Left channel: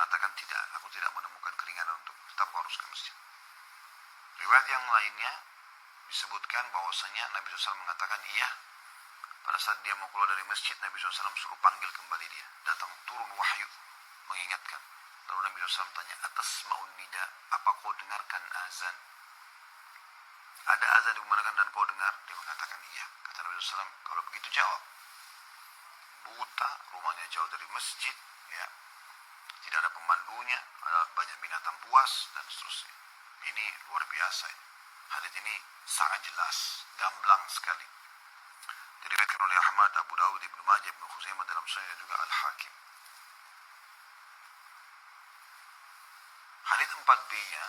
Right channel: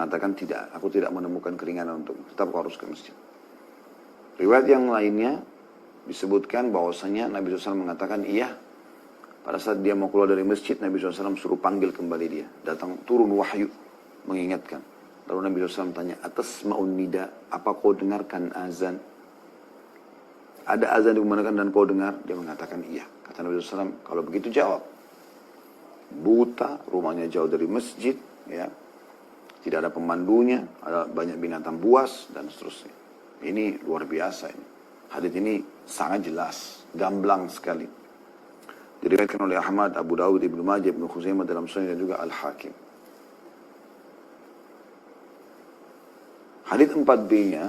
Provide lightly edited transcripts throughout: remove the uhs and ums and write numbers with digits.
mengatakan tidak, aku tidak menemukan keringanan untuk tetap harus ke masjid. Riwayat yang lainnya disebutkan bahwasanya Nabi SAW mengatakan iya. Pada saat dia mau keluar dari masjid, Nabi SAW suruh panggil kembali dia. Datang turun wahyu mengingatkan. Lalu Nabi SAW tanya, atas ma'un nida, apa kau dengarkan azan? Ada azan dikumandangkan dan kau dengar? Dia mengatakan iya. Kata Nabi SAW, kalau begitu jawab. Buta, rumahnya jauh dari masjid, ya, tidak ada pemandunya, ada banyak binatang buas, dan seterusnya. Ini luar biasa ini. Hadits ini sangat jelas, gamblang sekali. Diriwayatkan oleh Ahmad, Abu Dawud, Ibnu Majah, Ibnu Khuzaimah dalam Sunan dan juga Al-Hakim. Hadits 4b-nya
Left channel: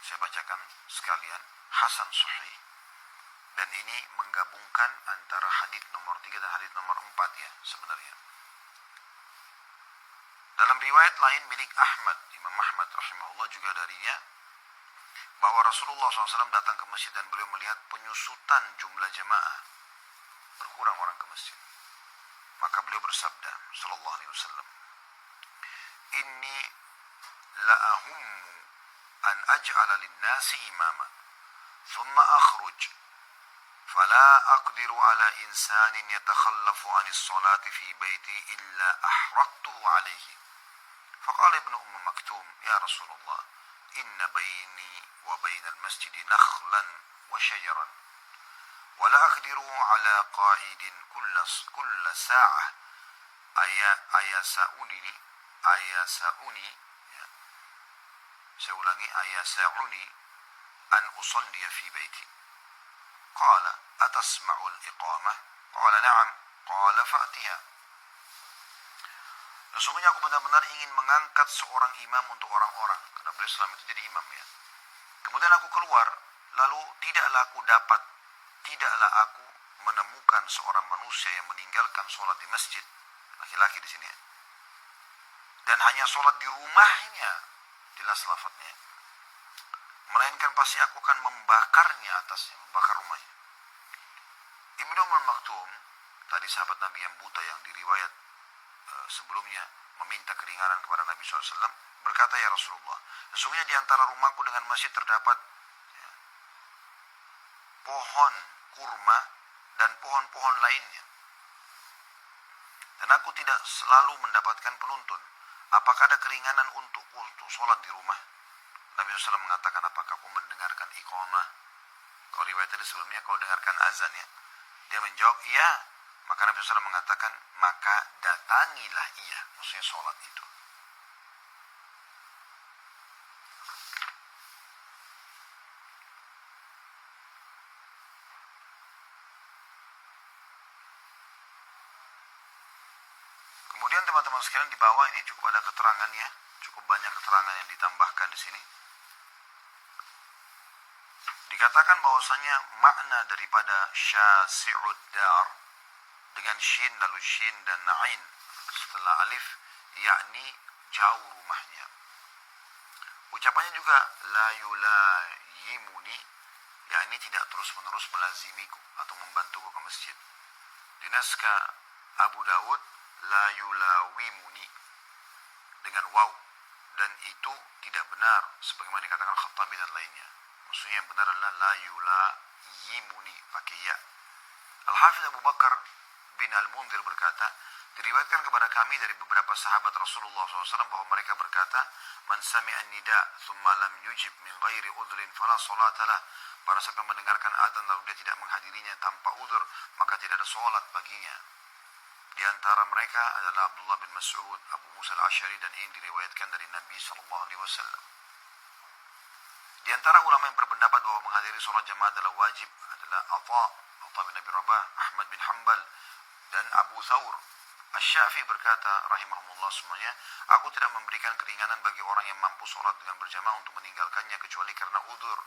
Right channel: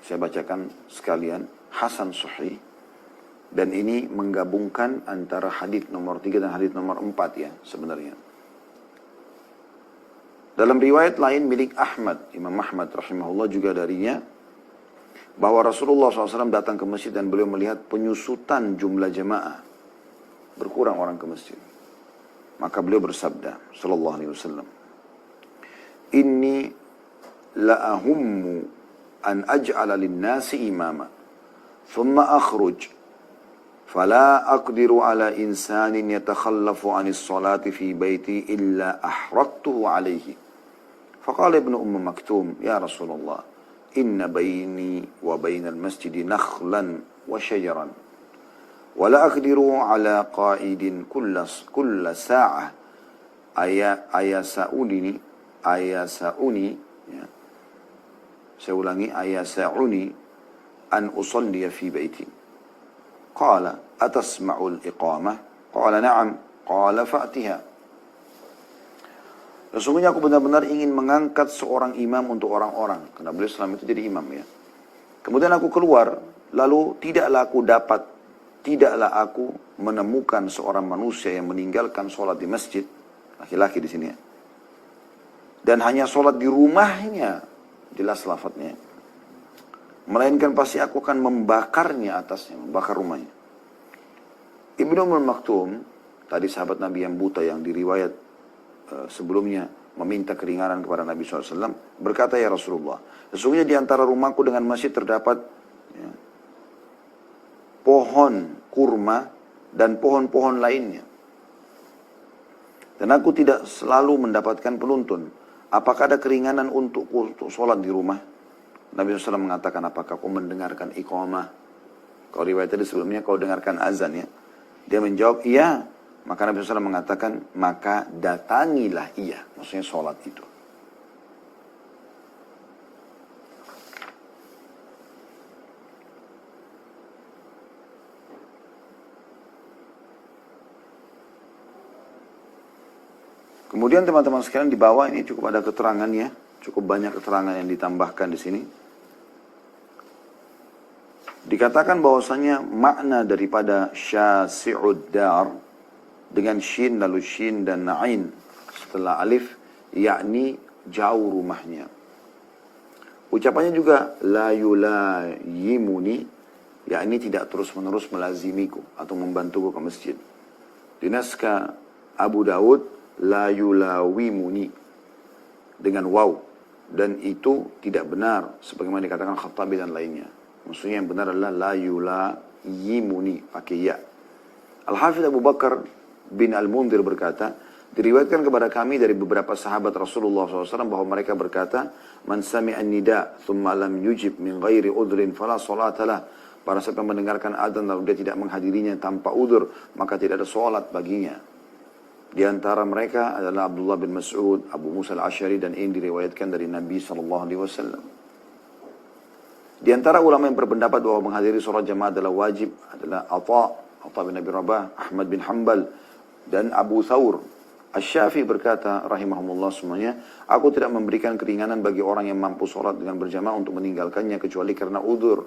saya bacakan sekalian, Hasan Sahih, dan ini menggabungkan antara hadits nomor 3 dan hadits nomor 4 ya sebenarnya. Dalam riwayat lain milik Ahmad, Imam Ahmad rahimahullah juga darinya, bahwa Rasulullah SAW datang ke masjid dan beliau melihat penyusutan jumlah jemaah. Berkurang orang ke masjid. Maka beliau bersabda, sallallahu alaihi wasallam, Inni la'ahummu an aj'ala lin-nasi imama, thumma akhruj, fala aqdiru ala insanin yatakhallafu anis salati fi baiti illa ahraktuhu alaihi. Faqala ibnu Maktum, ya Rasulullah, inna baini wa bainal masjidi nakhlan wa syajaran. ولا أقدر على قائد كل ساعة أيسأني سأولاني أيسعني أن أصلي في بيتي. قال أتسمع الإقامة؟ قال نعم. قال فأتها. Sesungguhnya aku benar-benar ingin mengangkat seorang imam untuk orang-orang. Karena beliau selama itu jadi imam ya. Kemudian aku keluar, lalu tidaklah aku menemukan seorang manusia yang meninggalkan sholat di masjid, laki-laki di sini ya, dan hanya sholat di rumahnya, jelas lafadznya, melainkan pasti aku akan membakarnya atasnya, membakar rumahnya. Ibnu Maktum, tadi sahabat Nabi yang buta yang diriwayat sebelumnya meminta keringanan kepada Nabi SAW, berkata, ya Rasulullah, sesungguhnya di antara rumahku dengan masjid terdapat pohon kurma dan pohon-pohon lainnya. Dan aku tidak selalu mendapatkan penuntun. Apakah ada keringanan untuk sholat di rumah? Nabi SAW mengatakan, apakah kau mendengarkan iqamah? Kalau riwayat tadi sebelumnya kau dengarkan azan ya. Dia menjawab, iya. Maka Nabi SAW mengatakan, maka datangilah ia. Maksudnya sholat itu. Kemudian teman-teman sekalian di bawah ini cukup ada keterangannya, cukup banyak keterangan yang ditambahkan di sini. Dikatakan bahwasanya makna daripada syasi'ud dar dengan shin lalu shin dan ain setelah alif, yakni jauh rumahnya. Ucapannya juga la yulayimuni, yakni tidak terus-menerus melazimiku atau membantuku ke masjid. Di naskah Abu Dawud la yulawimuni dengan waw, dan itu tidak benar sebagaimana dikatakan Khattabi dan lainnya. Maksudnya yang benar adalah la yulayimuni pakai ya. Al-Hafidh Abu Bakar bin Al-Mundhir berkata, diriwayatkan kepada kami dari beberapa sahabat Rasulullah SAW bahwa mereka berkata, man sami'an nida thumma lam yujib min ghairi udhrin fala salatalah. Para sahabat yang mendengarkan adzan lalu dia tidak menghadirinya tanpa udzur, maka tidak ada salat baginya. Di antara mereka adalah Abdullah bin Mas'ud, Abu Musa al-Ash'ari, dan ini diriwayatkan dari Nabi SAW. Di antara ulama yang berpendapat bahwa menghadiri sholat jamaah adalah wajib adalah Atha bin Abi Rabah, Ahmad bin Hanbal, dan Abu Thawr. Asy-Syafi'i berkata, rahimahumullah semuanya, aku tidak memberikan keringanan bagi orang yang mampu sholat dengan berjamaah untuk meninggalkannya kecuali karena udzur.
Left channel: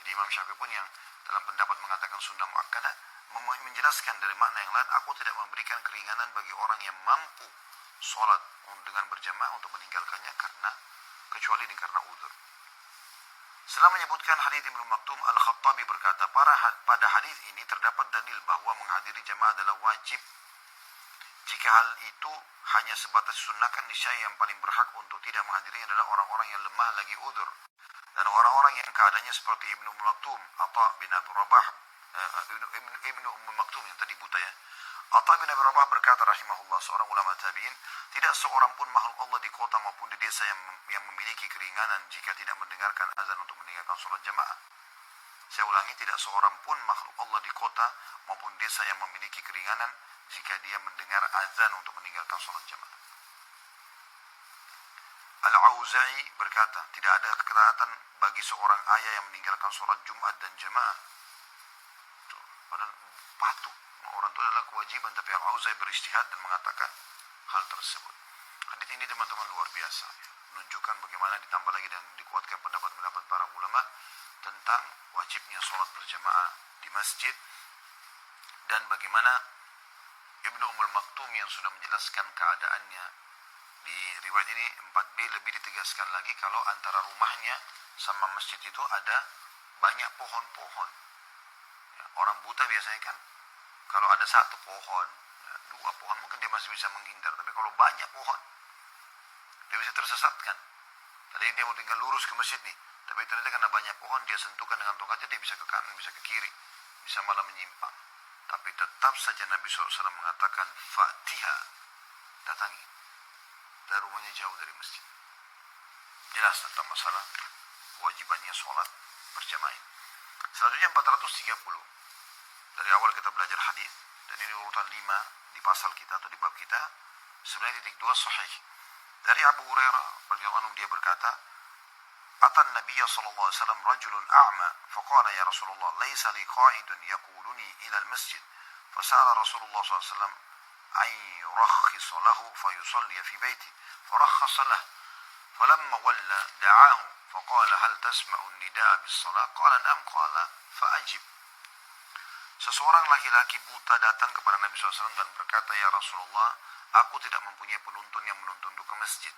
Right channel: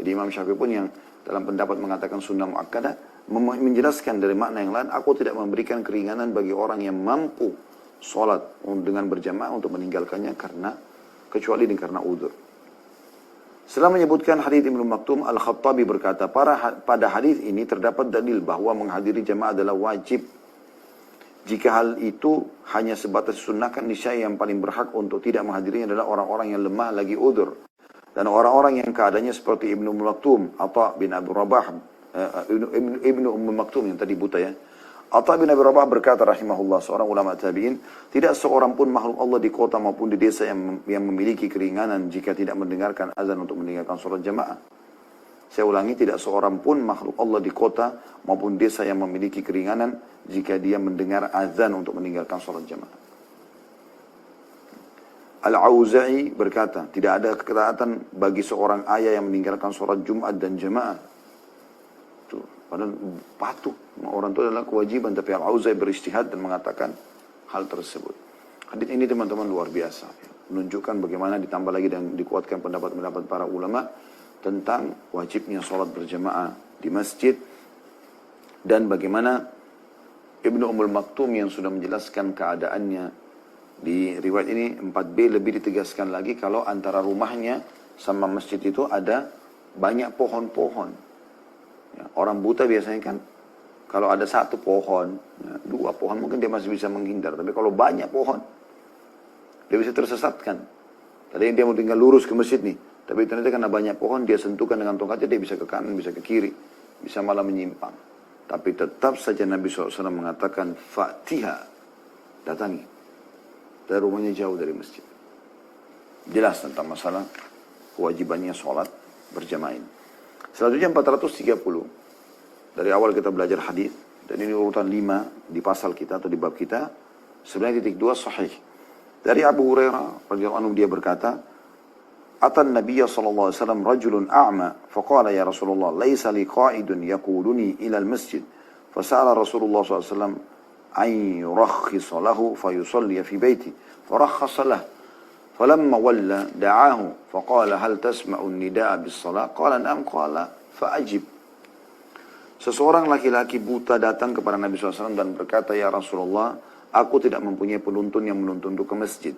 Jadi Imam Syafi'i pun yang dalam pendapat mengatakan sunnah muakkadah, menjelaskan dari makna yang lain, aku tidak memberikan keringanan bagi orang yang mampu sholat dengan berjamaah untuk meninggalkannya kecuali karena udzur. Setelah menyebutkan hadits Ibnu Maktum, Al-Khattabi berkata, pada hadits ini terdapat dalil bahwa menghadiri jamaah adalah wajib. Jika hal itu hanya sebatas sunnahkan, niscaya yang paling berhak untuk tidak menghadirinya adalah orang-orang yang lemah lagi udzur. Dan orang-orang yang keadaannya seperti Ibnu Maktum, Atha bin Abi Rabah, Ibnu Maktum yang tadi buta ya. Atha bin Abi Rabah berkata rahimahullah, seorang ulama tabi'in, tidak seorang pun makhluk Allah di kota maupun di desa yang memiliki keringanan jika tidak mendengarkan azan untuk mendengarkan sholat jamaah. Saya ulangi, tidak seorang pun makhluk Allah di kota maupun desa yang memiliki keringanan jika dia mendengar azan untuk meninggalkan sholat jamaah. Al-Auza'i berkata, tidak ada ketaatan bagi seorang ayah yang meninggalkan sholat Jumat dan jamaah. Tuh, padahal patuh. Orang itu adalah kewajiban, tapi Al-Auza'i beristihad dan mengatakan hal tersebut. Hadits ini teman-teman luar biasa. Menunjukkan bagaimana ditambah lagi dan dikuatkan pendapat-pendapat para ulama tentang wajibnya sholat berjamaah di masjid, dan bagaimana Ibnu Ummul Maktum yang sudah menjelaskan keadaannya di riwayat ini 4b lebih ditegaskan lagi kalau antara rumahnya sama masjid itu ada banyak pohon-pohon. Ya, orang buta biasanya kan kalau ada satu pohon, ya, dua pohon mungkin dia masih bisa menghindar, tapi kalau banyak pohon dia bisa tersesatkan. Tadi dia mau tinggal lurus ke masjid nih, tapi ternyata karena banyak pohon, dia sentuhkan dengan tongkatnya, dia bisa ke kanan, bisa ke kiri, bisa malah menyimpang. Tapi tetap saja Nabi SAW mengatakan, Fatiha, datangi. Dan rumahnya jauh dari masjid. Jelas tentang masalah kewajibannya sholat berjamaah ini. Selanjutnya 430. Dari awal kita belajar hadis, dan ini urutan 5 di pasal kita atau di bab kita. Sebenarnya titik 2 sahih. Dari Abu Hurairah radhiyallahu anhu, dia berkata, Atan Nabiya sallallahu alaihi wasallam rajulun a'ma faqala ya Rasulullah laisa li qa'idun yaquluni ila al-masjid fasala Rasulullah sallallahu alaihi wasallam an yurakhkhisa lahu fayusalli fi baiti farakhkhasa lahu falamma walla da'ahu faqala hal tasma'u an-nida'a bis-shalah qala na'am qala fa'ajib. Seseorang laki-laki buta datang kepada Nabi SAW dan berkata, ya Rasulullah, aku tidak mempunyai penuntun yang menuntunku ke masjid.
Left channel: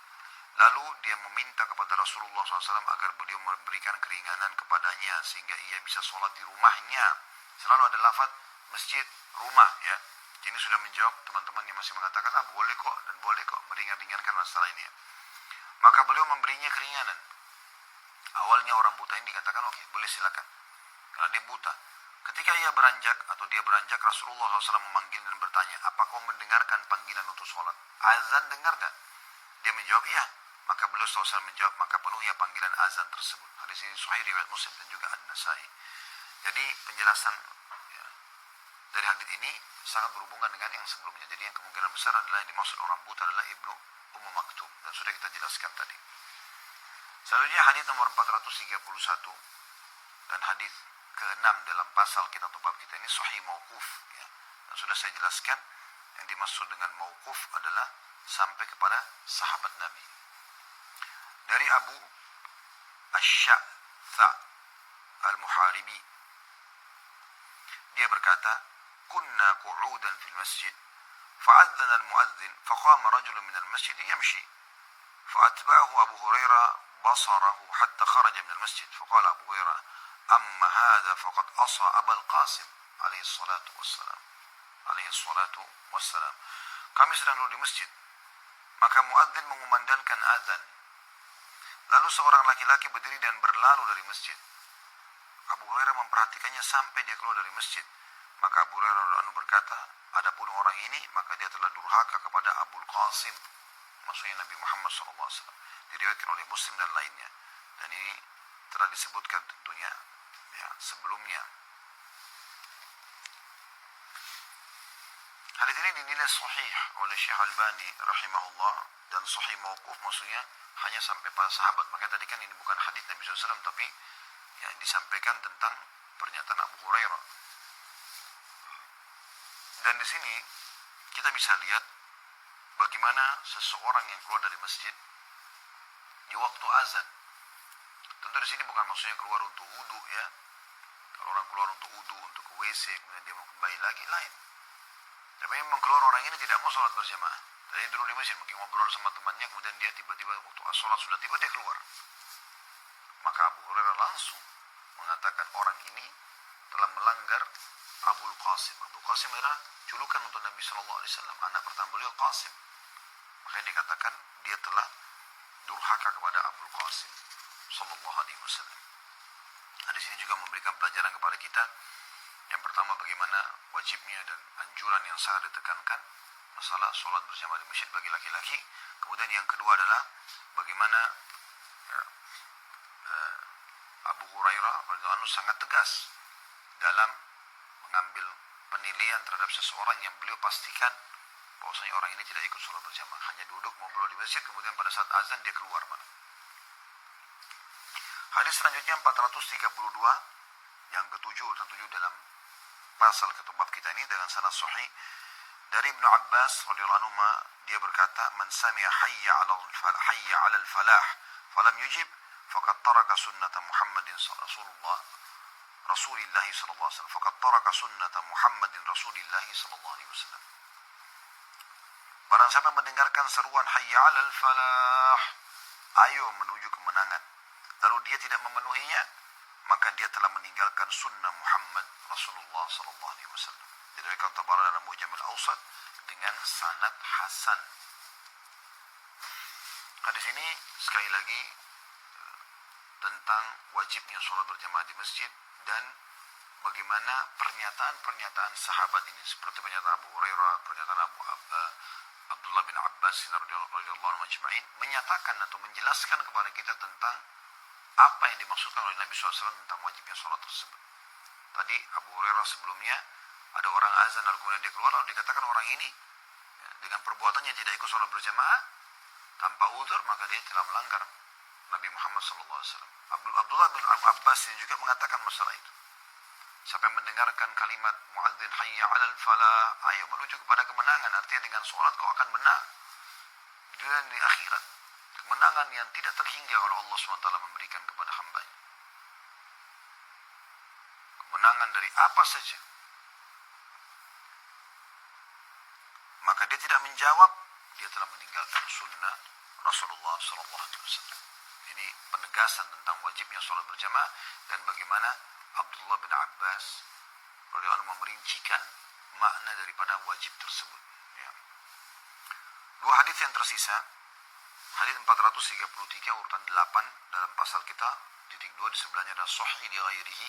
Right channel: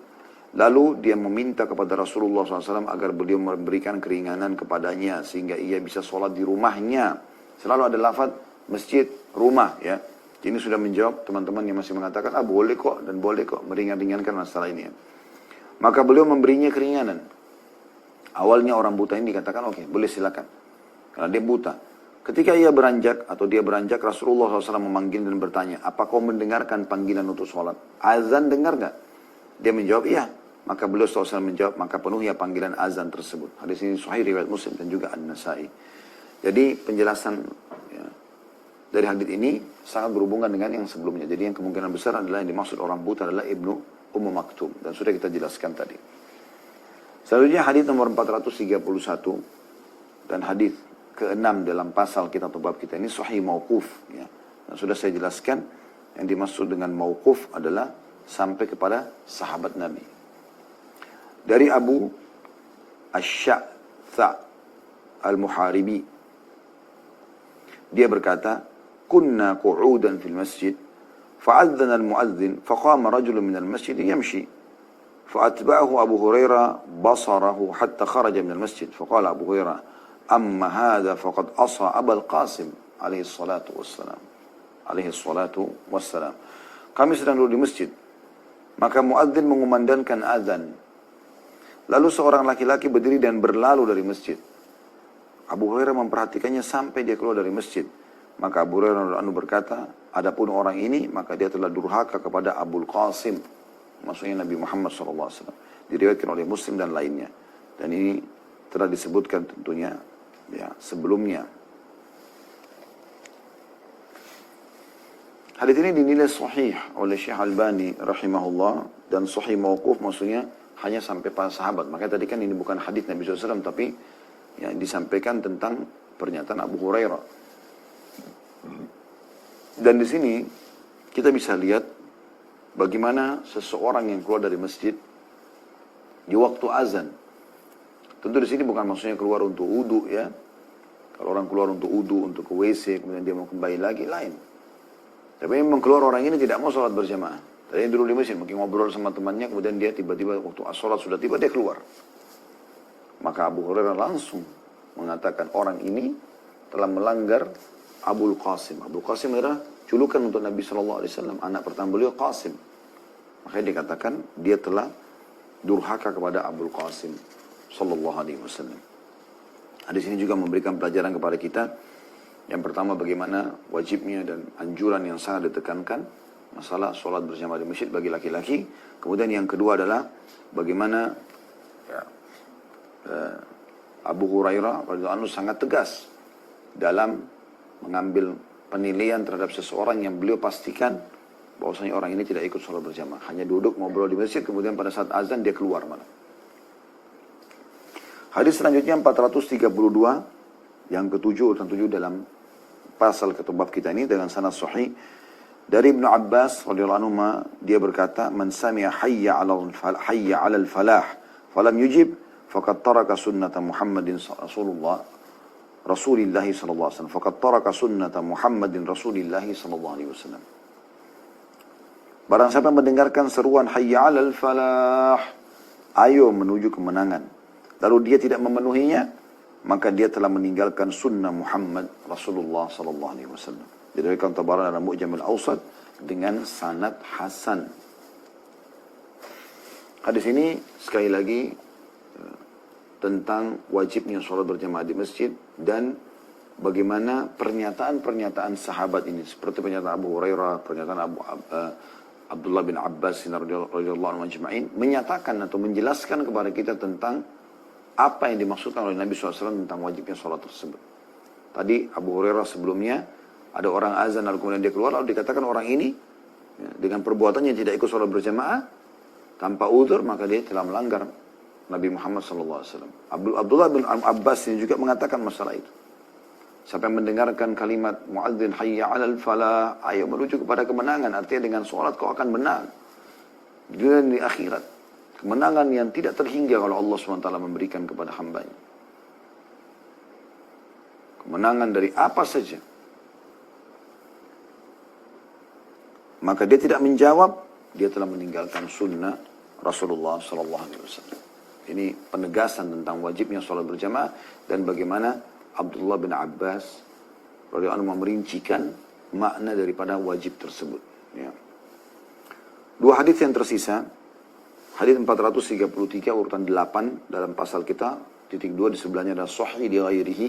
Lalu dia meminta kepada Rasulullah SAW agar beliau memberikan keringanan kepadanya sehingga ia bisa sholat di rumahnya. Selalu ada lafaz masjid, rumah ya. Ini sudah menjawab teman-teman yang masih mengatakan, boleh kok dan boleh kok meringan-ringankan masalah ini ya. Maka beliau memberinya keringanan. Awalnya orang buta ini dikatakan, oke, boleh silakan. Karena dia buta. Ketika ia beranjak atau dia beranjak, Rasulullah SAW memanggil dan bertanya, apa kau mendengarkan panggilan untuk sholat? Azan dengar gak? Dia menjawab, iya. Maka beliau SAW menjawab, maka penuhi panggilan azan tersebut. Hadis ini sahih riwayat Muslim dan juga An-Nasai. Jadi penjelasan ya, dari hadis ini sangat berhubungan dengan yang sebelumnya. Jadi yang kemungkinan besar adalah yang dimaksud orang buta adalah Ibnu Ummu Maktum. Dan sudah kita jelaskan tadi. Selanjutnya hadis nomor 431 dan hadis ke-6 dalam pasal kita atau bab kita ini sahih mauquf. Ya. Dan sudah saya jelaskan yang dimaksud dengan mauquf adalah sampai kepada sahabat Nabi. Dari Abu Ash-Sha'tha Al-Muharibi, dia berkata, kunna qu'udan fil masjid fa'adzana al-mu'adzin faqama rajulun min al-masjid yamshi fa'atba'ahu Abu Hurairah basarahu hatta kharaja min al-masjid faqala Abu Hurairah amma hadha faqad asa Abul Qasim alaihi salatu wassalam. Kami sedang duduk di masjid, maka muadzin mengumandangkan azan. Lalu seorang laki-laki berdiri dan berlalu dari masjid. Abu Hurairah memperhatikannya sampai dia keluar dari masjid. Maka Abu Hurairah berkata, adapun orang ini, maka dia telah durhaka kepada Abul Qasim. Maksudnya Nabi Muhammad SAW. Diriwayatkan oleh Muslim dan lainnya. Dan ini telah disebutkan tentunya ya sebelumnya. Hadis ini dinilai sahih oleh Syekh Albani rahimahullah dan sahih mauquf, maksudnya hanya sampai para sahabat. Makanya tadi kan ini bukan hadis Nabi SAW, tapi yang disampaikan tentang pernyataan Abu Hurairah. Dan di sini kita bisa lihat bagaimana seseorang yang keluar dari masjid di waktu azan. Tentu di sini bukan maksudnya keluar untuk wudu ya. Kalau orang keluar untuk wudu, untuk ke WC, kemudian dia mau kembali lagi, lain. Tapi memang keluar orang ini tidak mau sholat berjamaah. Tadi dulu di masjid, mungkin ngobrol sama temannya, kemudian dia tiba-tiba waktu sholat sudah tiba, dia keluar. Maka Abu Hurairah langsung mengatakan orang ini telah melanggar Abul Qasim. Abul Qasim adalah julukan untuk Nabi SAW. Anak pertama beliau Qasim. Makanya dikatakan dia telah durhaka kepada Abul Qasim sallallahu alaihi wasallam. Hadis ini juga memberikan pelajaran kepada kita. Yang pertama, bagaimana wajibnya dan anjuran yang sangat ditekankan masalah sholat berjamaah di masjid bagi laki-laki. Kemudian yang kedua adalah bagaimana Abu Hurairah radhiyallahu anhu sangat tegas dalam mengambil penilaian terhadap seseorang yang beliau pastikan bahwasanya orang ini tidak ikut sholat berjamaah, hanya duduk ngobrol di masjid, kemudian pada saat azan dia keluar malah. Hadis selanjutnya 432, yang ketujuh, urutan 7 dalam pasal ketubab kita ini dengan sanad sahih dari Ibnu Abbas radhiyallahu anhu, dia berkata, "Man sami'a hayya 'alal falah falam yujib faqad taraka sunnata Muhammadin Rasulillah sallallahu alaihi wasallam. Faqad taraka sunnata Muhammadin Rasulillah sallallahu alaihi wasallam." Barang siapa mendengarkan seruan hayya 'alal falah, ayo menuju kemenangan, lalu dia tidak memenuhinya, maka dia telah meninggalkan sunnah Muhammad Rasulullah sallallahu alaihi wasallam. Diriwayatkan Tabarani dalam Mu'jam al-Awsat dengan sanad hasan. Hadis ini sekali lagi tentang wajibnya sholat berjamaah di masjid dan bagaimana pernyataan-pernyataan sahabat ini, seperti pernyataan Abu Hurairah, pernyataan Abdullah bin Abbas radhiyallahu anhu ajma'in, menyatakan atau menjelaskan kepada kita tentang apa yang dimaksudkan oleh Nabi SAW tentang wajibnya sholat tersebut. Tadi Abu Hurairah sebelumnya, ada orang azan lalu kemudian dia keluar, lalu dikatakan orang ini dengan perbuatannya tidak ikut sholat berjamaah tanpa uzur, maka dia telah melanggar Nabi Muhammad SAW. Abdullah bin Abbas ini juga mengatakan masalah itu. Siapa yang mendengarkan kalimat muadzin hayya 'alal falah, ayo menuju kepada kemenangan, artinya dengan sholat kau akan menang di dunia dan di akhirat. Kemenangan yang tidak terhingga kalau Allah SWT memberikan kepada hambanya. Kemenangan dari apa saja. Maka dia tidak menjawab, dia telah meninggalkan sunnah Rasulullah SAW. Ini penegasan tentang wajibnya sholat berjamaah dan bagaimana Abdullah bin Abbas radhiyallahu anhu merincikan makna daripada wajib tersebut. Ya. Dua hadis yang tersisa, hadis 433 urutan 8 dalam pasal kita, titik 2 di sebelahnya adalah sahih di ghairihi,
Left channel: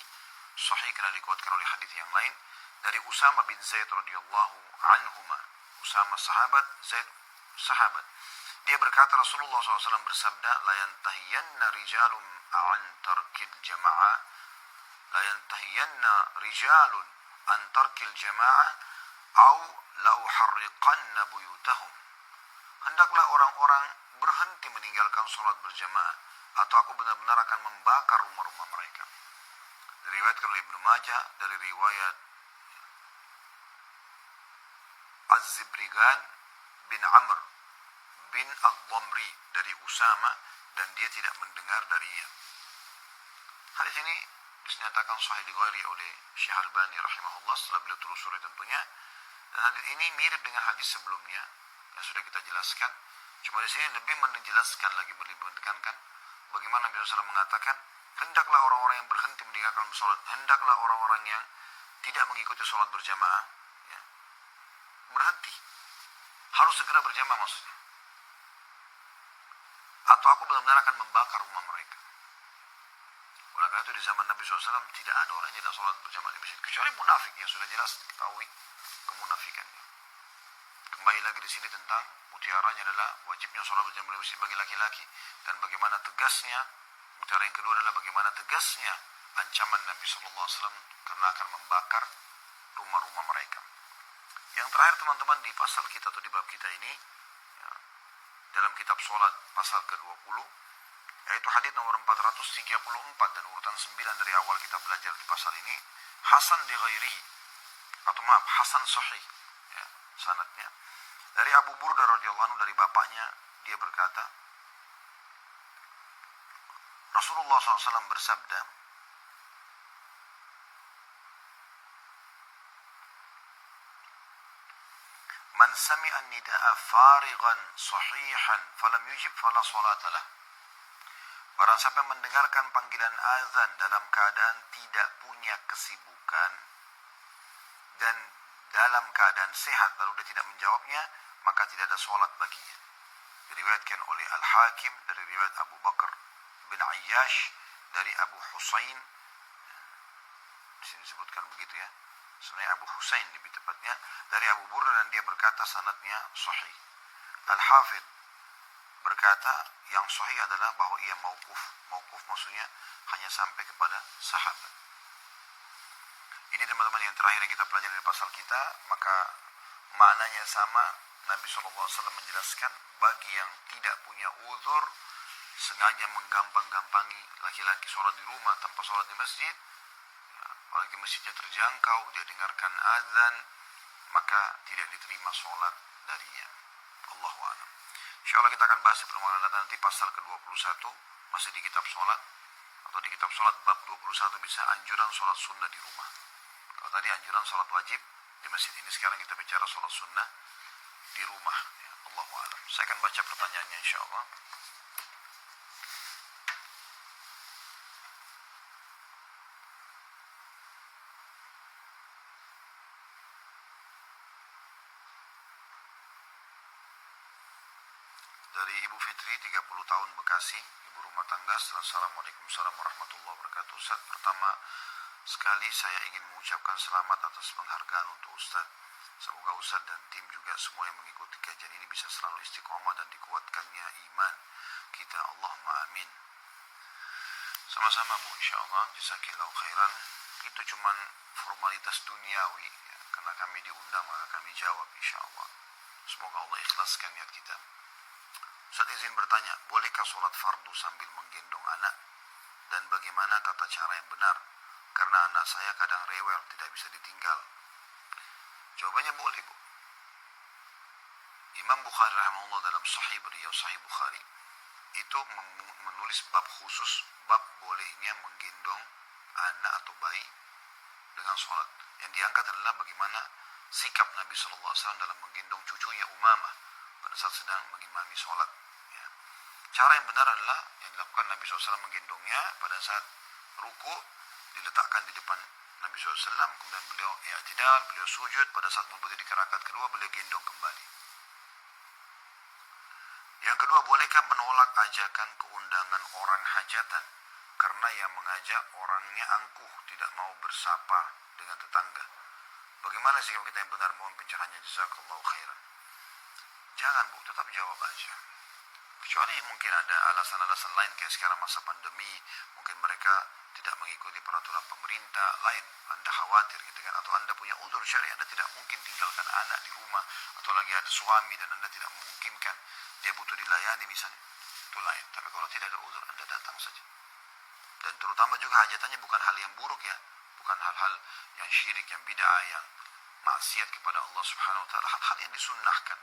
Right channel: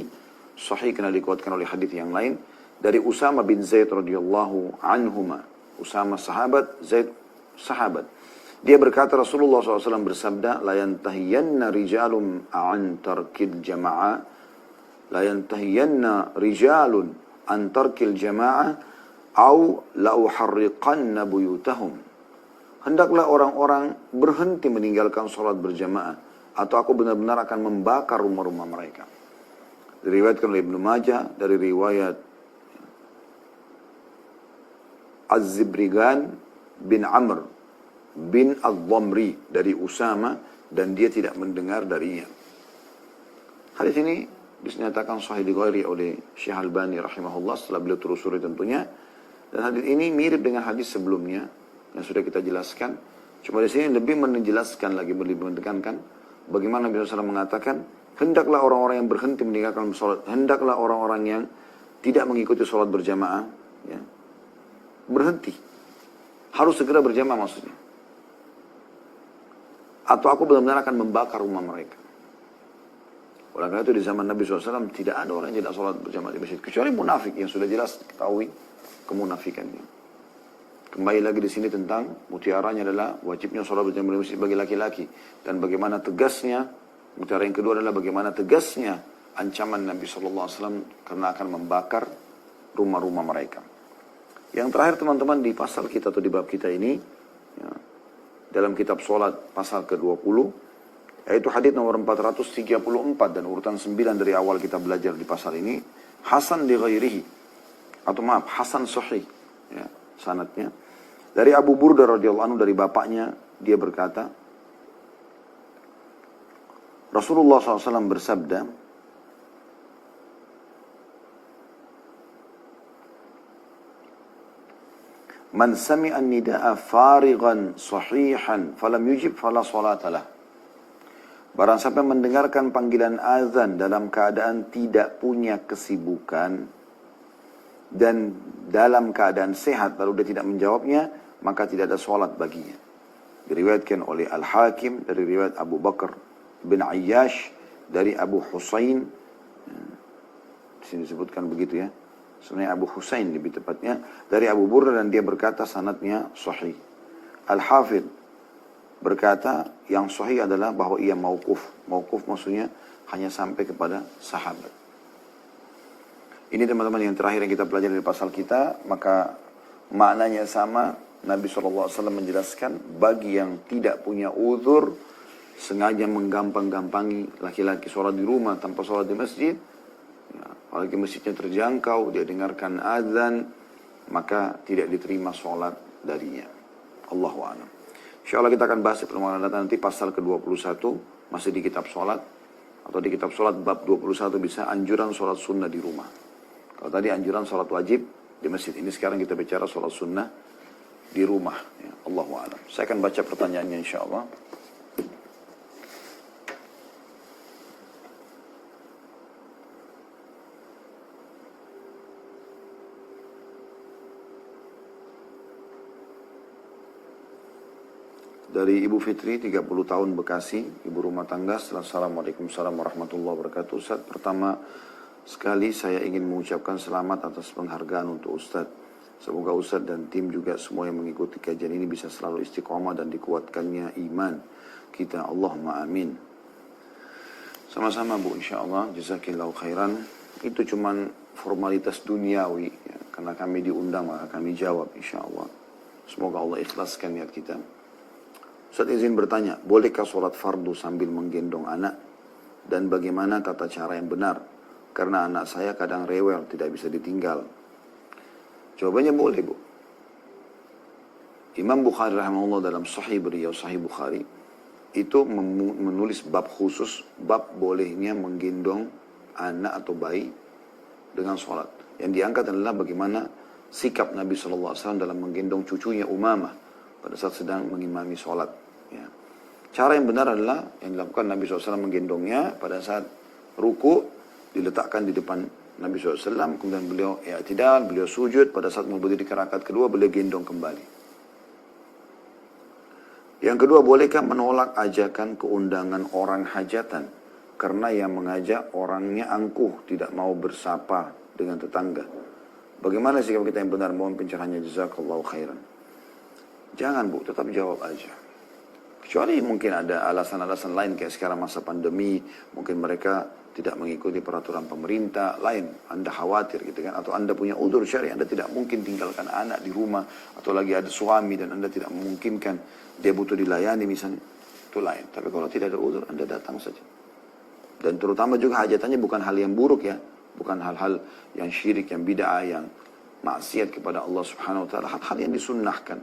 sahih karena dikuatkan oleh hadis yang lain dari Usama bin Zaid radhiyallahu anhuma. Usama sahabat, Zaid sahabat. Dia berkata Rasulullah SAW bersabda, la yantahiyanna rijalun an tarkil jama'ah, la yantahiyanna rijalun an tarkil jama'ah, au la uharriqanna buyutahum. Hendaklah orang-orang berhenti meninggalkan sholat berjamaah, atau aku benar-benar akan membakar rumah-rumah mereka. Diriwayatkan oleh Ibnu Majah dari riwayat Az-Zibrigan bin Amr bin Al-Dhamri dari Usama, dan dia tidak mendengar darinya. Hadis ini dinyatakan sahih dighairi oleh Syekh Albani rahimahullah setelah beliau telusuri tentunya. Dan hadis ini mirip dengan hadis sebelumnya yang sudah kita jelaskan. Cuma di sini lebih menjelaskan lagi, lebih menekankan bagaimana Nabi SAW mengatakan, hendaklah orang-orang yang berhenti meninggalkan sholat, hendaklah orang-orang yang tidak mengikuti sholat berjamaah, ya, berhenti. Harus segera berjamaah maksudnya. Atau aku benar-benar akan membakar rumah mereka. Oleh karena itu di zaman Nabi SAW tidak ada orang yang tidak sholat berjamaah di masjid. Kecuali munafik yang sudah jelas ketahui kemunafikannya. Kembali lagi di sini tentang mutiaranya adalah wajibnya sholat berjamaah di masjid bagi laki-laki. Dan bagaimana tegasnya, mutiara yang kedua adalah bagaimana tegasnya ancaman Nabi SAW karena akan membakar rumah-rumah mereka. Yang terakhir teman-teman di pasal kita atau di bab kita ini, ya, dalam kitab sholat pasal ke-20, yaitu hadis nomor 434 dan urutan 9 dari awal kita belajar di pasal ini, hasan li ghairihi, atau maaf, hasan sahih, ya, sanadnya dari Abu Burda radhiyallahu anhu dari bapaknya, dia berkata Rasulullah SAW bersabda, man sami'a nida'a farighan sahihan falam yujib fala salatalah. Barang siapa mendengarkan panggilan azan dalam keadaan tidak punya kesibukan, dan dalam keadaan sehat lalu dia tidak menjawabnya, maka tidak ada sholat baginya. Diriwayatkan oleh Al-Hakim dari riwayat Abu Bakar bin Ayyash dari Abu Husain. Di sini disebutkan begitu ya. Sebenarnya Abu Husain lebih tepatnya dari Abu Burda, dan dia berkata sanadnya sahih. Al-Hafidh berkata yang sahih adalah bahwa ia mauquf. Mauquf maksudnya hanya sampai kepada sahabat. Ini teman-teman yang terakhir yang kita pelajari dari pasal kita, maka maknanya sama. Nabi SAW menjelaskan bagi yang tidak punya uzur, sengaja menggampang-gampangi laki-laki sholat di rumah tanpa sholat di masjid, ya, apalagi masjidnya terjangkau, dia dengarkan azan, maka tidak diterima sholat darinya. Allahu a'lam. InsyaAllah kita akan bahas di pertemuan datang nanti pasal ke-21, masih di kitab sholat, atau di kitab sholat bab 21 bisa anjuran sholat sunnah di rumah. Kalau tadi anjuran sholat wajib di masjid, ini sekarang kita bicara sholat sunnah di rumah. Ya, Allahu a'lam. Saya akan baca pertanyaannya insyaallah. Dari Ibu Fitri, 30 tahun Bekasi, ibu rumah tangga. Assalamualaikum warahmatullahi wabarakatuh. Ustaz, pertama sekali saya ingin mengucapkan selamat atas penghargaan untuk Ustaz. Semoga Ustaz dan tim juga semua yang mengikuti kajian ini bisa selalu istiqomah dan dikuatkannya iman kita. Allahumma amin. Sama-sama Bu, insyaAllah. Jazakillahu khairan. Itu cuman formalitas duniawi. Ya. Karena kami diundang, maka kami jawab insyaAllah. Semoga Allah ikhlaskan niat kita. Ustaz izin bertanya, bolehkah sholat fardu sambil menggendong anak? Dan bagaimana tata cara yang benar? Karena anak saya kadang rewel, tidak bisa ditinggal. Jawabannya boleh Bu. Imam Bukhari rahimahullah dalam Sahih beliau, Sahih Bukhari, itu menulis bab khusus, bab bolehnya menggendong anak atau bayi dengan sholat. Yang diangkat adalah bagaimana sikap Nabi SAW dalam menggendong cucunya Umamah pada saat sedang mengimami sholat. Ya. Cara yang benar adalah yang dilakukan Nabi SAW menggendongnya pada saat ruku, diletakkan di depan Nabi SAW, kemudian beliau i'tidal, beliau sujud, pada saat mau berdiri ke rakaat kedua, beliau gendong kembali. Yang kedua, bolehkah menolak ajakan keundangan orang hajatan? Karena yang mengajak orangnya angkuh, tidak mau bersapa dengan tetangga. Bagaimana sikap kita yang benar? Mohon pencerahannya, jazakallahu khairan. Jangan Bu, tetap jawab aja. Kecuali mungkin ada alasan-alasan lain, kayak sekarang masa pandemi, mungkin mereka tidak mengikuti peraturan pemerintah lain, Anda khawatir gitu kan, atau Anda punya udzur syar'i, Anda tidak mungkin tinggalkan anak di rumah, atau lagi ada suami dan Anda tidak memungkinkan, dia butuh dilayani misalnya, itu lain. Tapi kalau tidak ada udzur, Anda datang saja. Dan terutama juga hajatannya bukan hal yang buruk ya, bukan hal-hal yang syirik, yang bid'ah, yang maksiat kepada Allah Subhanahu wa taala, hal-hal yang disunnahkan.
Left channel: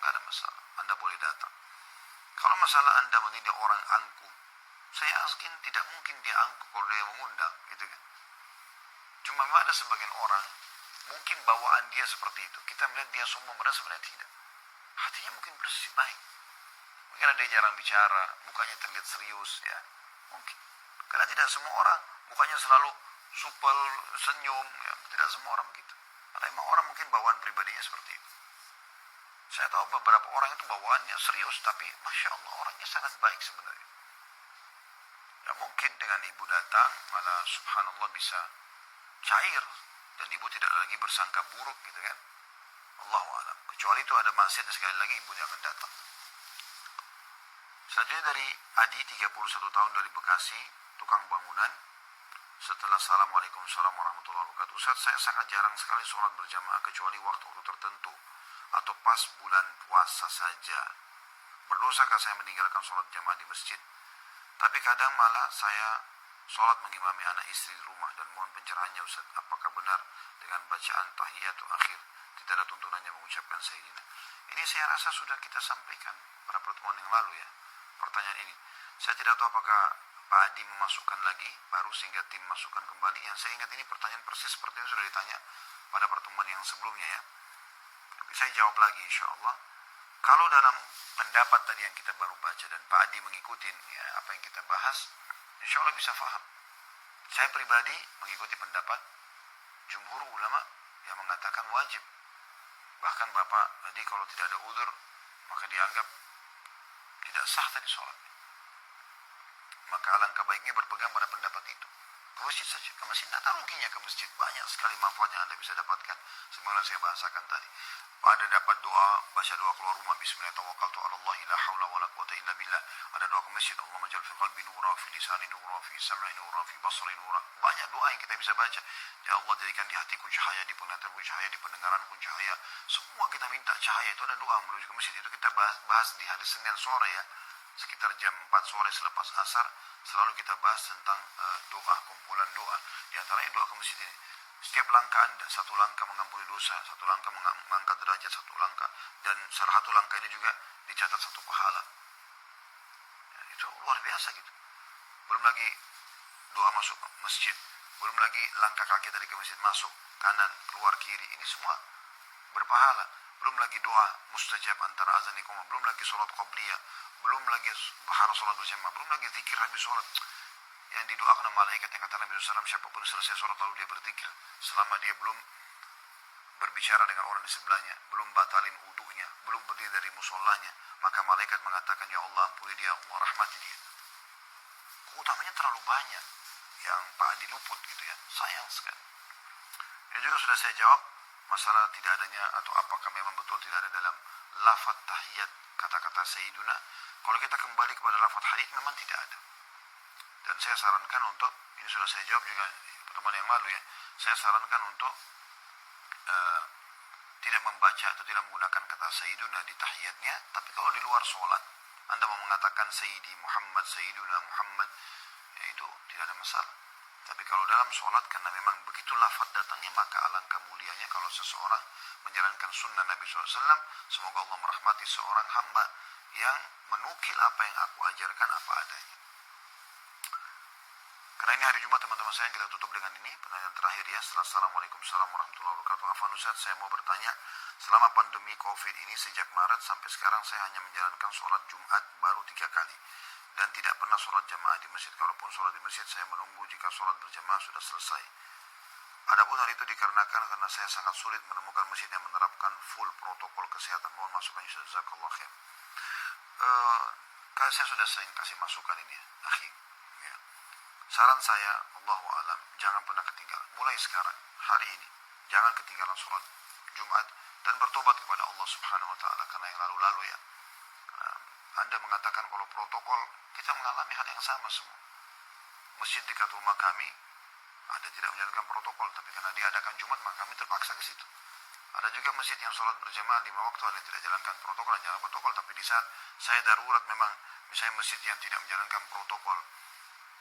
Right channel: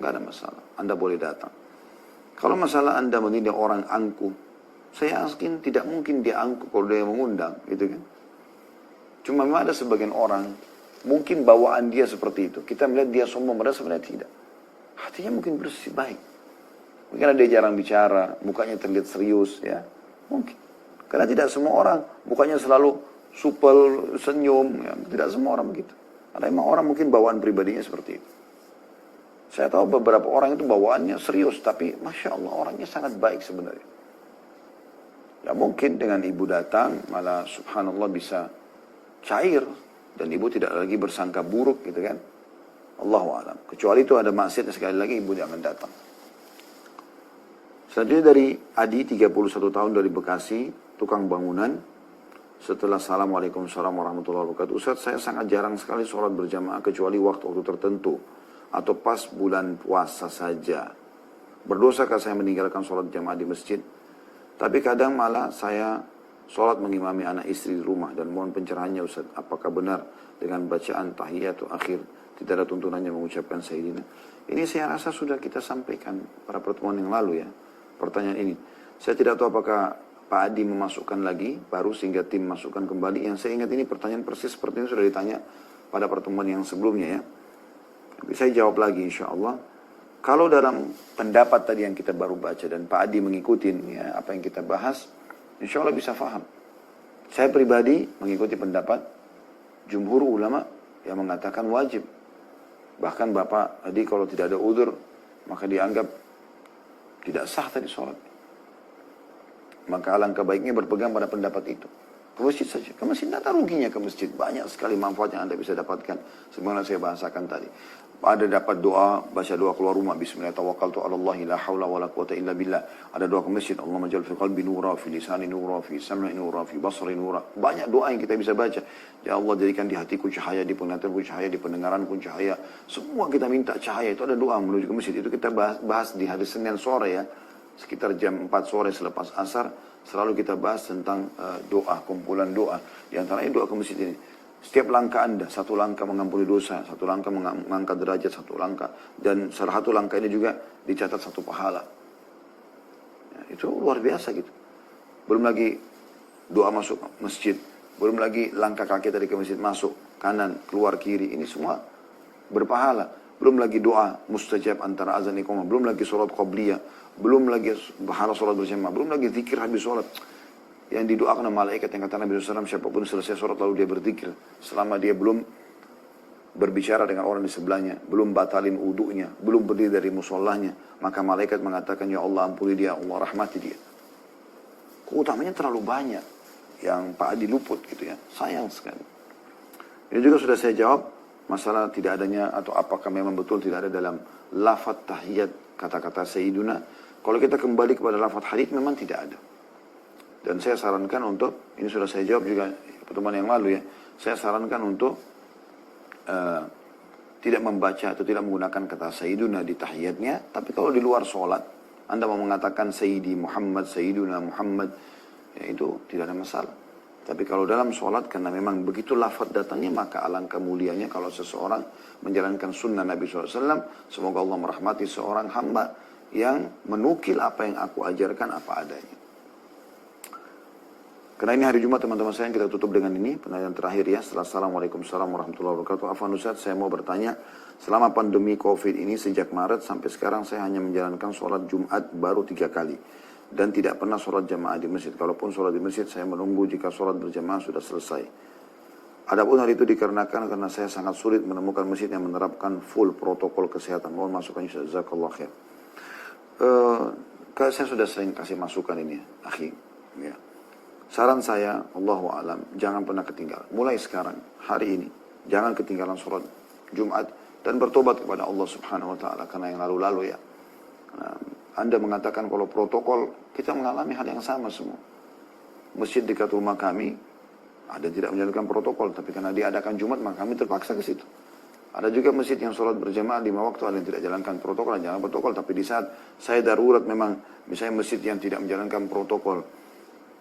Enggak ada masalah, Anda boleh datang. Kalau masalah Anda menilai orang angkuh, saya yakin tidak mungkin dia angkuh kalau dia mengundang, gitu kan. Cuma memang ada sebagian orang, mungkin bawaan dia seperti itu. Kita melihat dia sombong, padahal sebenarnya tidak. Hatinya mungkin bersih, baik. Mungkin ada dia jarang bicara, mukanya terlihat serius, ya. Mungkin. Karena tidak semua orang, mukanya selalu supel, senyum, ya. Tidak semua orang begitu. Ada memang orang mungkin bawaan pribadinya seperti itu. Saya tahu beberapa orang itu bawaannya serius, tapi Masya Allah orangnya sangat baik sebenarnya. Ya mungkin dengan ibu datang, malah subhanallah bisa cair, dan ibu tidak lagi bersangka buruk gitu kan. Allahu a'lam. Kecuali itu ada maksiat, sekali lagi ibu jangan datang. Selanjutnya dari Adi, 31 tahun dari Bekasi, tukang bangunan. Setelah Assalamualaikum warahmatullahi wabarakatuh. Ustaz, saya sangat jarang sekali sholat berjamaah kecuali waktu-waktu tertentu, atau pas bulan puasa saja. Berdosakah saya meninggalkan sholat jamaah di masjid? Tapi kadang malah saya sholat mengimami anak istri di rumah, dan mohon pencerahannya Ustaz, apakah benar dengan bacaan tahiyat atau akhir tidak ada tuntunannya mengucapkan sayyidina? Ini saya rasa sudah kita sampaikan pada pertemuan yang lalu ya, pertanyaan ini. Saya tidak tahu apakah Pak Adi memasukkan lagi baru sehingga tim masukkan kembali. Yang saya ingat ini pertanyaan persis seperti ini sudah ditanya pada pertemuan yang sebelumnya ya. Tapi saya jawab lagi insya Allah. Kalau dalam pendapat tadi yang kita baru baca dan Pak Adi mengikuti ya, apa yang kita bahas, insya Allah bisa faham. Saya pribadi mengikuti pendapat jumhur ulama yang mengatakan wajib. Bahkan bapak tadi kalau tidak ada udzur, maka dianggap tidak sah tadi sholat. Maka alangkah baiknya berpegang pada pendapat itu. Ke masjid saja. Ke masjid tidak ada ruginya ke masjid. Banyak sekali manfaat yang Anda bisa dapatkan. Sebagaimana saya bahasakan tadi. Ada dapat doa, baca doa keluar rumah. Bismillah tawakkaltu ala Allah la hawla wa la quwata illa billah. Ada doa ke masjid. Allahumma jal fi qalbi nura, fi lisani nura, fi sam'i nura, fi basri nura. Banyak doa yang kita bisa baca. Ya Allah jadikan di hatiku cahaya, di penglihatanku cahaya, di pendengaranku cahaya. Semua kita minta cahaya. Itu ada doa menuju ke masjid. Itu kita bahas di hari Senin sore ya. Sekitar jam 4 sore selepas asar. Selalu kita bahas tentang doa, kumpulan doa. Di antaranya doa ke masjid ini. Setiap langkah Anda, satu langkah mengampuni dosa, satu langkah mengangkat derajat, satu langkah. Dan salah satu langkah ini juga dicatat satu pahala. Ya, itu luar biasa gitu. Belum lagi doa masuk masjid. Belum lagi langkah kaki tadi ke masjid masuk, kanan, keluar, kiri. Ini semua berpahala. Belum lagi doa mustajab antara azan iqamah. Belum lagi sholat qabliyah. Belum lagi pahala sholat berjamaah. Belum lagi zikir habis sholat. Yang didoakan oleh malaikat yang kata Nabi SAW, siapapun selesai sholat lalu dia berzikir. Selama dia belum berbicara dengan orang di sebelahnya, belum batalin wudunya, belum berdiri dari musallahnya, maka malaikat mengatakan, ya Allah ampuni dia, Allah rahmati dia. Keutamanya terlalu banyak yang Pak Adi luput gitu ya. Sayang sekali. Ini juga sudah saya jawab, masalah tidak adanya atau apakah memang betul tidak ada dalam lafaz tahiyat kata-kata Sayyiduna. Kalau kita kembali kepada lafaz hadits memang tidak ada. Dan saya sarankan untuk, ini sudah saya jawab juga pertemuan yang lalu ya, saya sarankan untuk tidak membaca atau tidak menggunakan kata Sayyiduna di tahiyatnya. Tapi kalau di luar sholat, Anda mau mengatakan Sayyidi Muhammad, Sayyiduna Muhammad, ya itu tidak ada masalah. Tapi kalau dalam sholat, karena memang begitu lafaz datangnya, maka alangkah mulianya kalau seseorang menjalankan sunnah Nabi SAW. Semoga Allah merahmati seorang hamba yang menukil apa yang aku ajarkan apa adanya. Karena ini hari Jumat teman-teman saya, kita tutup dengan ini penanya terakhir ya. Assalamualaikum warahmatullahi wabarakatuh. Afwan Ustaz, saya mau bertanya, selama pandemi COVID ini sejak Maret sampai sekarang saya hanya menjalankan sholat Jumat baru 3 kali. Dan tidak pernah sholat jamaah di masjid. Kalaupun sholat di masjid, saya menunggu jika sholat berjamaah sudah selesai. Adapun hal itu dikarenakan karena saya sangat sulit menemukan masjid yang menerapkan full protokol kesehatan. Mohon masukan jazakallah khair. Saya sudah sering kasih masukan ini, akhi. Ya. Saran saya, Allahu a'lam, jangan pernah ketinggalan. Mulai sekarang, hari ini, jangan ketinggalan sholat Jumat dan bertobat kepada Allah Subhanahu wa taala karena yang lalu-lalu ya. Anda mengatakan kalau protokol, kita mengalami hal yang sama semua. Masjid dekat rumah kami, ada yang tidak menjalankan protokol, tapi karena diadakan Jumat, maka kami terpaksa ke situ. Ada juga masjid yang sholat berjamaah 5 waktu, ada yang tidak jalankan protokol, dan jangan protokol. Tapi di saat saya darurat memang, misalnya masjid yang tidak menjalankan protokol,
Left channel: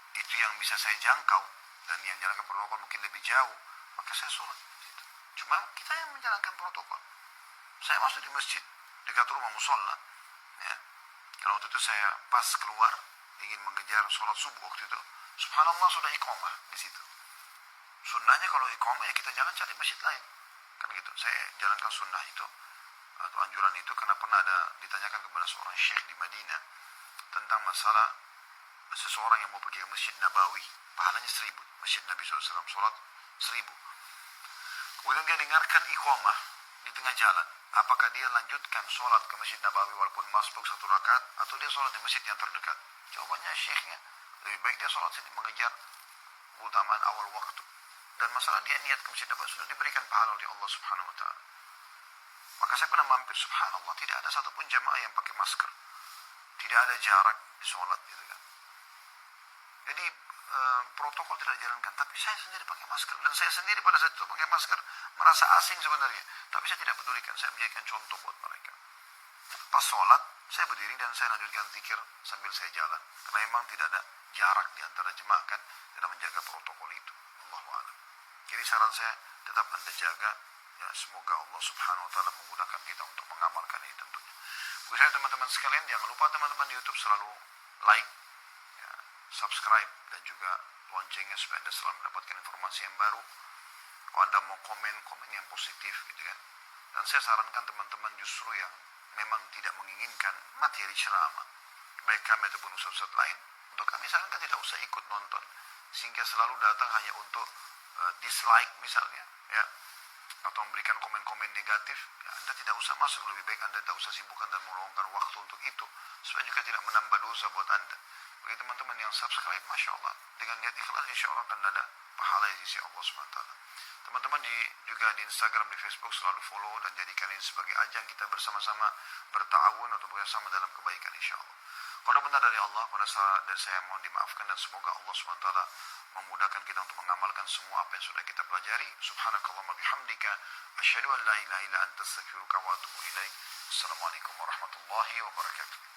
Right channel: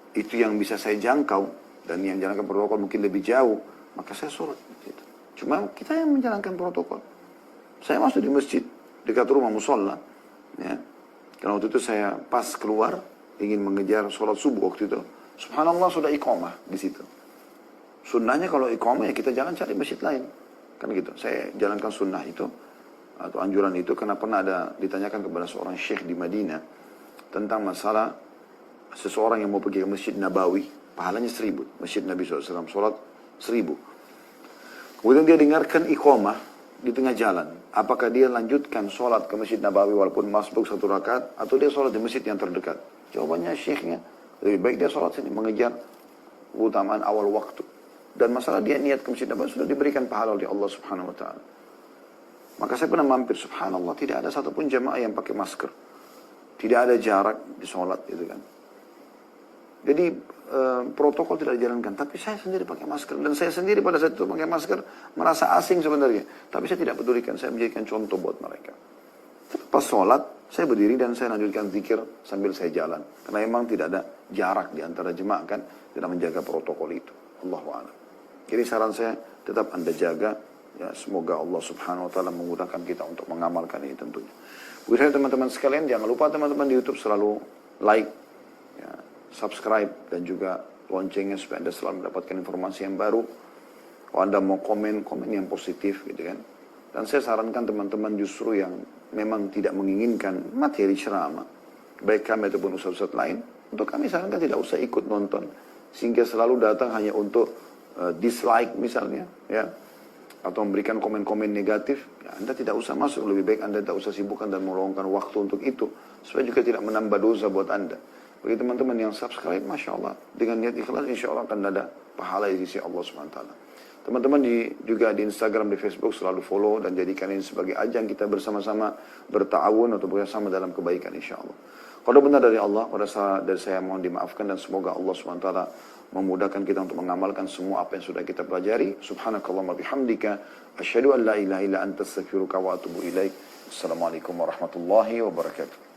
itu yang bisa saya jangkau, dan yang menjalankan protokol mungkin lebih jauh, maka saya sholat. Gitu. Cuma kita yang menjalankan protokol. Saya masuk di masjid, dekat rumah musola, ya. Karena waktu itu saya pas keluar, ingin mengejar sholat subuh waktu itu. Subhanallah sudah iqamah di situ. Sunnahnya kalau iqamah ya kita jangan cari masjid lain. Kan gitu. Saya jalankan sunnah itu, atau anjuran itu, karena pernah ada ditanyakan kepada seorang syekh di Madinah, tentang masalah seseorang yang mau pergi ke Masjid Nabawi, pahalanya 1000. Masjid Nabi SAW, sholat 1000. Kemudian dia dengarkan iqamah di tengah jalan. Apakah dia lanjutkan sholat ke Masjid Nabawi walaupun masbuk 1 rakaat, atau dia sholat di masjid yang terdekat? Jawabannya syekhnya, lebih baik dia sholat sini, mengejar keutamaan awal waktu. Dan masalah dia niat ke Masjid Nabawi sudah diberikan pahala oleh Allah Subhanahu wa ta'ala. Maka saya pernah mampir, subhanallah, tidak ada satupun jamaah yang pakai masker. Tidak ada jarak di sholat, gitu kan. Jadi protokol tidak dijalankan, tapi saya sendiri pakai masker, dan saya sendiri pada saat itu pakai masker merasa asing sebenarnya, tapi saya tidak pedulikan, saya menjadikan contoh buat mereka. Pas sholat saya berdiri dan saya lanjutkan zikir sambil saya jalan, karena memang tidak ada jarak di antara jemaah kan, tidak menjaga protokol itu. Allahu a'lam. Jadi saran saya tetap Anda jaga ya, semoga Allah Subhanahu wa taala memudahkan kita untuk mengamalkan ini tentunya. Buat teman-teman sekalian, jangan lupa teman-teman di YouTube selalu like, subscribe, dan juga loncengnya supaya Anda selalu mendapatkan informasi yang baru. Kalau Anda mau komen yang positif gitu kan. Dan saya sarankan teman-teman justru yang memang tidak menginginkan materi ceramah, baik kami ataupun ustaz-ustaz lain, untuk kami sarankan tidak usah ikut nonton, sehingga selalu datang hanya untuk dislike misalnya, ya, atau memberikan komen-komen negatif, ya, Anda tidak usah masuk. Lebih baik Anda tidak usah sibukkan dan meluangkan waktu untuk itu, supaya juga tidak menambah dosa buat Anda. Bagi teman-teman yang subscribe, Masya Allah, dengan niat ikhlas, insya Allah akan ada pahala di sisi Allah SWT. Teman-teman juga di Instagram, di Facebook selalu follow dan jadikan ini sebagai ajang kita bersama-sama berta'awun atau bersama dalam kebaikan insya Allah. Kalau benar dari Allah, pada saat dari saya mohon dimaafkan dan semoga Allah SWT memudahkan kita untuk mengamalkan semua apa yang sudah kita pelajari. Subhanakallahumma bihamdika, asyhadu an la ilaha illa anta astaghfiruka wa atubu ilaik. Assalamualaikum warahmatullahi wabarakatuh.